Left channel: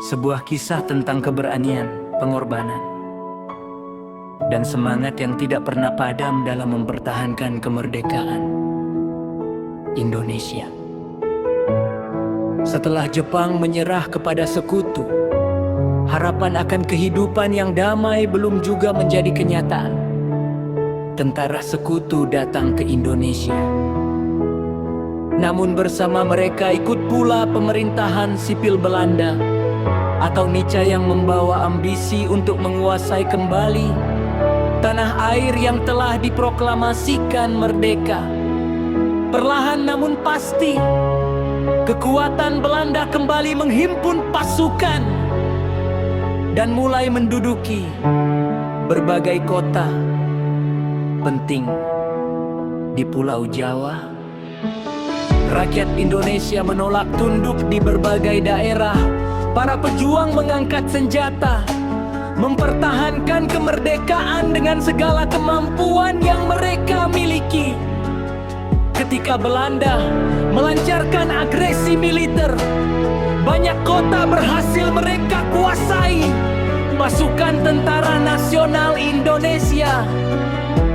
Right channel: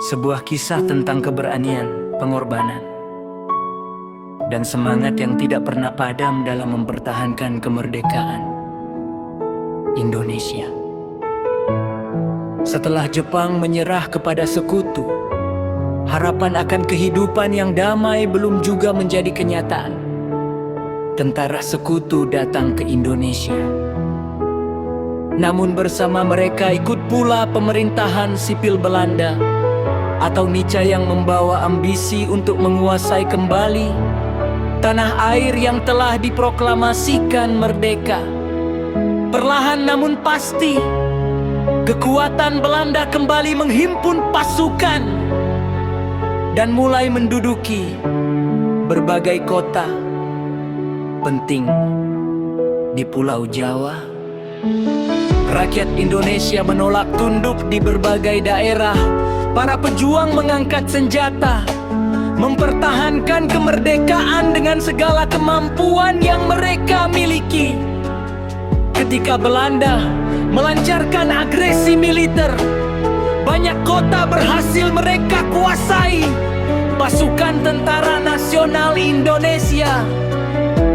Sebuah kisah tentang keberanian, pengorbanan, dan semangat yang tidak pernah padam dalam mempertahankan kemerdekaan Indonesia. Setelah Jepang menyerah kepada sekutu, harapan akan kehidupan yang damai belum juga menjadi kenyataan. Tentara sekutu datang ke Indonesia. Namun bersama mereka ikut pula pemerintahan sipil Belanda atau Nietzsche yang membawa ambisi untuk menguasai kembali tanah air yang telah diproklamasikan merdeka. Perlahan namun pasti, kekuatan Belanda kembali menghimpun pasukan dan mulai menduduki berbagai kota penting di Pulau Jawa. Rakyat Indonesia menolak tunduk di berbagai daerah. Para pejuang mengangkat senjata, mempertahankan kemerdekaan dengan segala kemampuan yang mereka miliki. Ketika Belanda melancarkan agresi militer, banyak kota berhasil mereka kuasai. Pasukan Tentara Nasional Indonesia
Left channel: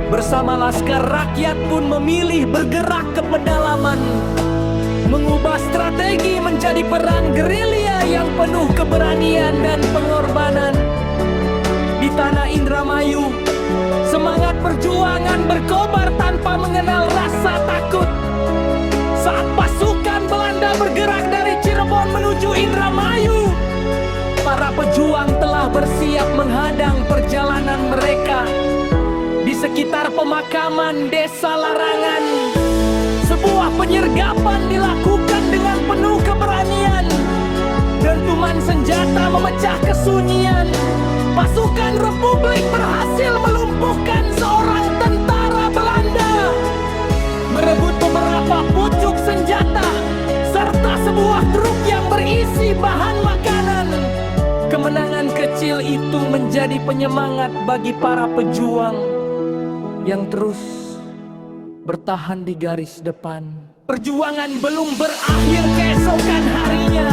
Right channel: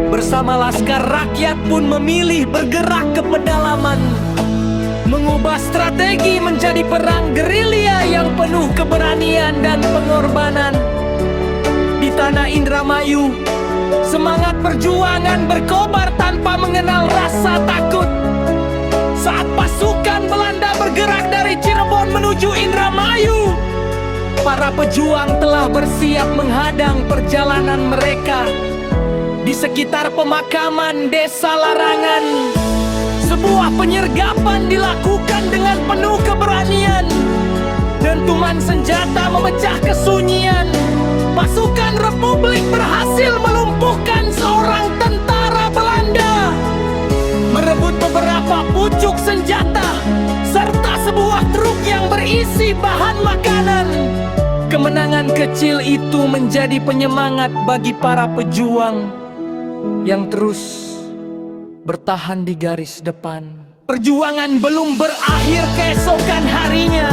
bersama Laskar Rakyat pun memilih bergerak ke pedalaman, mengubah strategi menjadi perang gerilya yang penuh keberanian dan pengorbanan. Di tanah Indramayu, semangat perjuangan berkobar tanpa mengenal rasa takut. Saat pasukan Belanda bergerak dari Cirebon menuju Indramayu, para pejuang telah bersiap menghadang perjalanan mereka. Di sekitar pemakaman Desa Larangan, sebuah penyergapan dilakukan dengan penuh keberanian. Dentuman senjata memecah kesunyian. Pasukan Republik berhasil melumpuhkan seorang tentara Belanda, merebut beberapa pucuk senjata, serta sebuah truk yang berisi bahan makanan. Kemenangan kecil itu menjadi penyemangat bagi para pejuang yang terus bertahan di garis depan. Perjuangan belum berakhir keesokan harinya.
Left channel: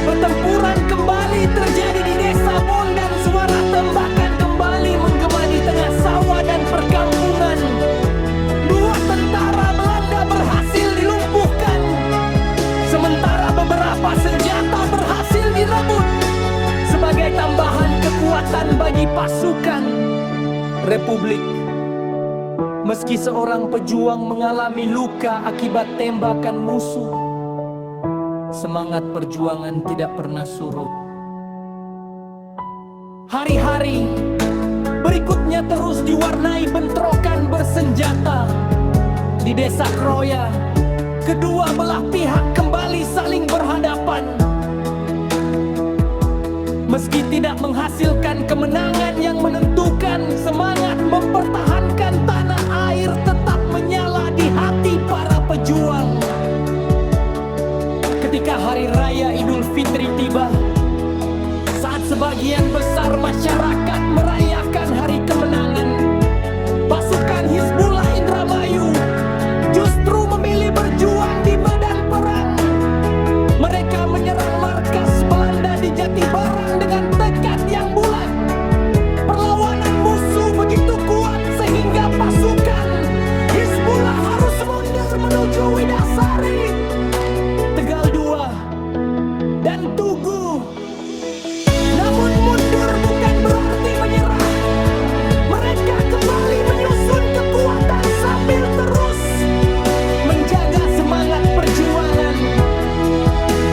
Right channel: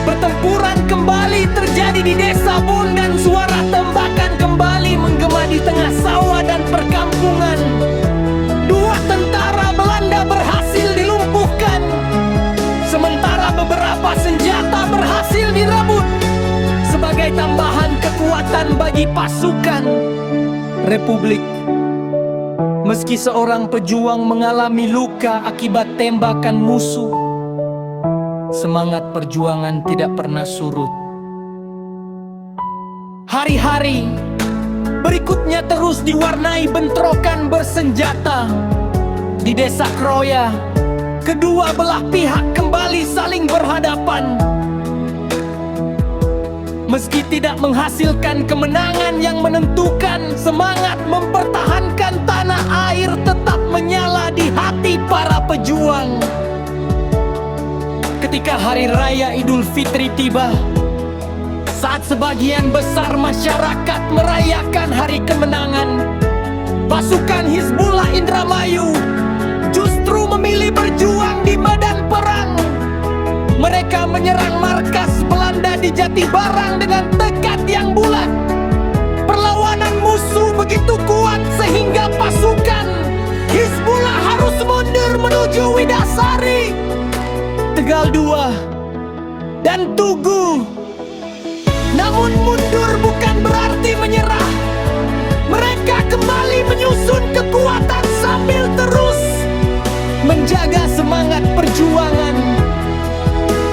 Pertempuran kembali terjadi di Desa Bon dan suara tembakan kembali menggema di tengah sawah dan perkampungan. Dua tentara Belanda berhasil dilumpuhkan, sementara beberapa senjata berhasil direbut sebagai tambahan kekuatan bagi pasukan Republik. Meski seorang pejuang mengalami luka akibat tembakan musuh, semangat perjuangan tidak pernah surut. Hari-hari berikutnya terus diwarnai bentrokan bersenjata. Di Desa Kroya, kedua belah pihak kembali saling berhadapan. Meski tidak menghasilkan kemenangan yang menentukan, semangat mempertahankan tanah air tetap menyala di hati para pejuang. Ketika Hari Raya Idul Fitri tiba, saat sebagian besar masyarakat merayakan hari kemenangan, pasukan Hizbullah Indramayu justru memilih berjuang di medan perang. Mereka menyerang markas Belanda di Jatibarang dengan tekad yang bulat. Perlawanan musuh begitu kuat sehingga pasukan Hizbullah harus mundur menuju Widasari, Tegal 2, dan Tugu. Namun mundur bukan berarti menyerah. Mereka kembali menyusun kekuatan sambil terus menjaga semangat perjuangan.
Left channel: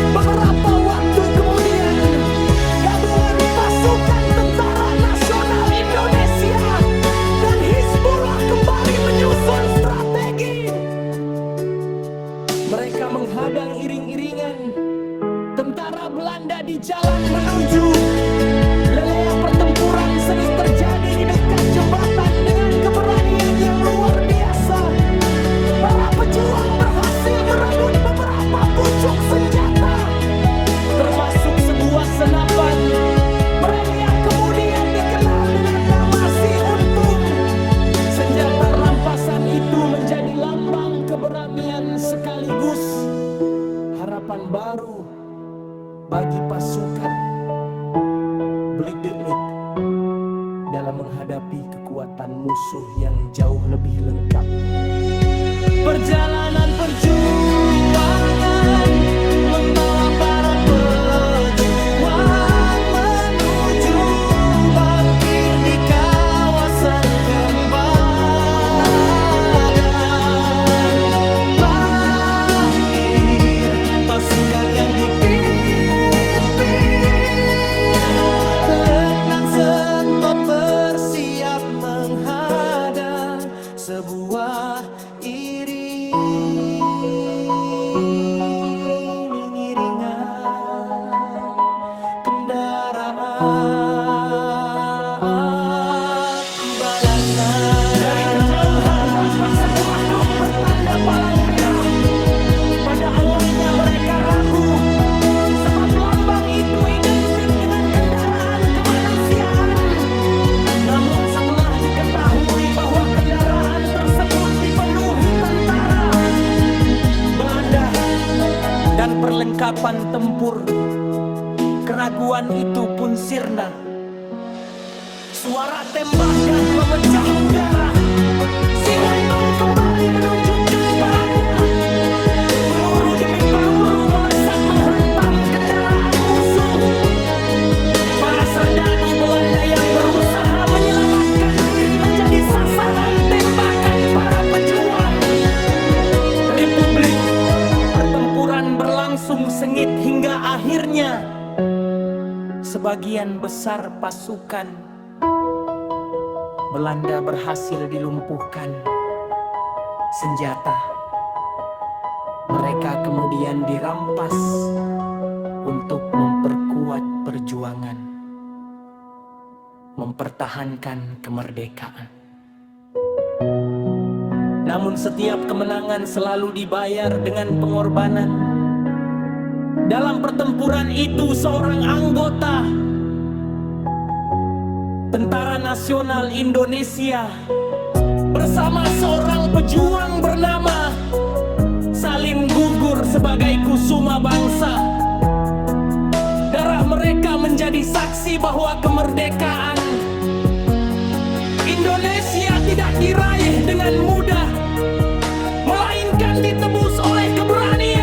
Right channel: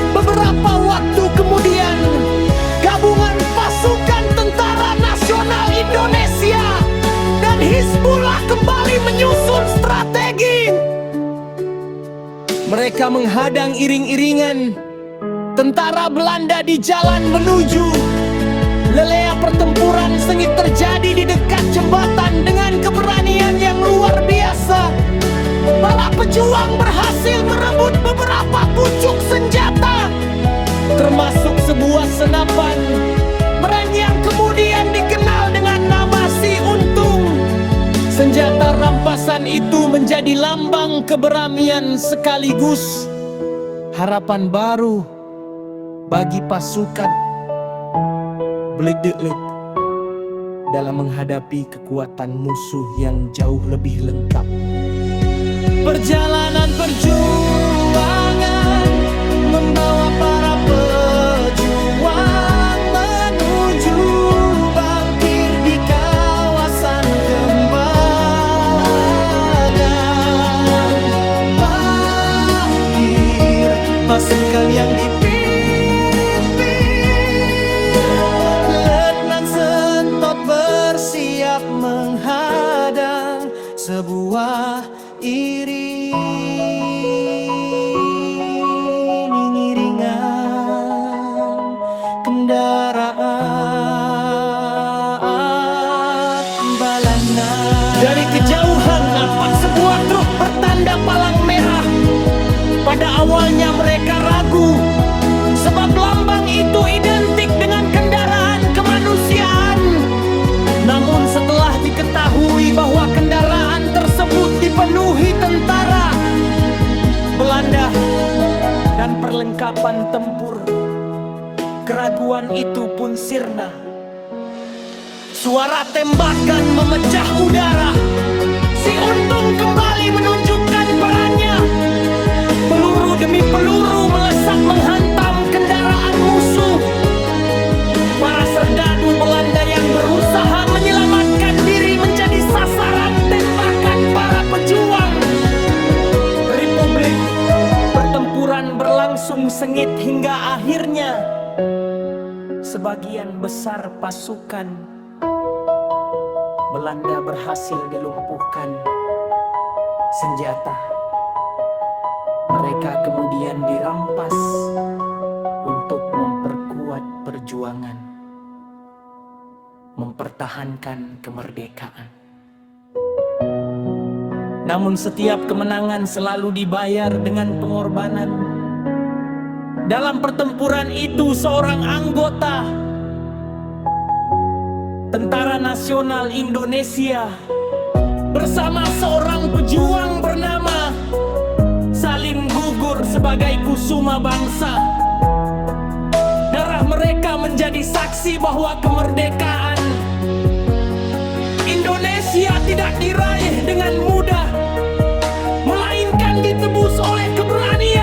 Beberapa waktu kemudian, gabungan pasukan Tentara Nasional Indonesia dan Hizbullah kembali menyusun strategi. Mereka menghadang iring-iringan tentara Belanda di jalan menuju. Lelea pertempuran sengit terjadi di dekat jembatan dengan keberanian yang luar biasa. Para pejuang berhasil merebut beberapa pucuk senjata, termasuk sebuah senapan mereng yang kemudian dikenal dengan nama Si Untung. Senjata rampasan itu menjadi lambang keberanian sekaligus harapan baru bagi pasukan Bled dalam menghadapi kekuatan musuh yang jauh lebih lengkap. Perjalanan perjuangan membawa para pejuang menuju bangkir di kawasan Kembangan. Bangkir, pasukan yang dipimpin Letnan Sentot bersiap menghadang sebuah iringan kendaraan Belanda. Dari kejauhan nampak sebuah truk bertanda palang merah. Pada awalnya mereka ragu, sebab lambang itu identik dengan kendaraan kemanusiaan. Namun setelah diketahui bahwa kendaraan tersebut dipenuhi tentara Belanda dan perlengkapan tempur, keraguan itu pun sirna. Suara tembakan memecah udara. Si Untung kembali menunjukkan perannya. Peluru demi peluru melesat menghantam kendaraan musuh. Para serdadu Belanda yang berusaha menyelamatkan diri menjadi sasaran tembakan para pejuang Republik. Pertempuran berlangsung sengit hingga akhirnya sebagian besar pasukan Belanda berhasil dilumpuhkan senjata. Mereka kemudian dirampas untuk memperkuat perjuangan, mempertahankan kemerdekaan. Namun setiap kemenangan selalu dibayar dengan pengorbanan. Dalam pertempuran itu seorang anggota Tentara Nasional Indonesia bersama seorang pejuang bernama Salim gugur sebagai kusuma bangsa. Darah mereka menjadi saksi bahwa kemerdekaan Indonesia tidak diraih dengan mudah, melainkan ditebus oleh keberanian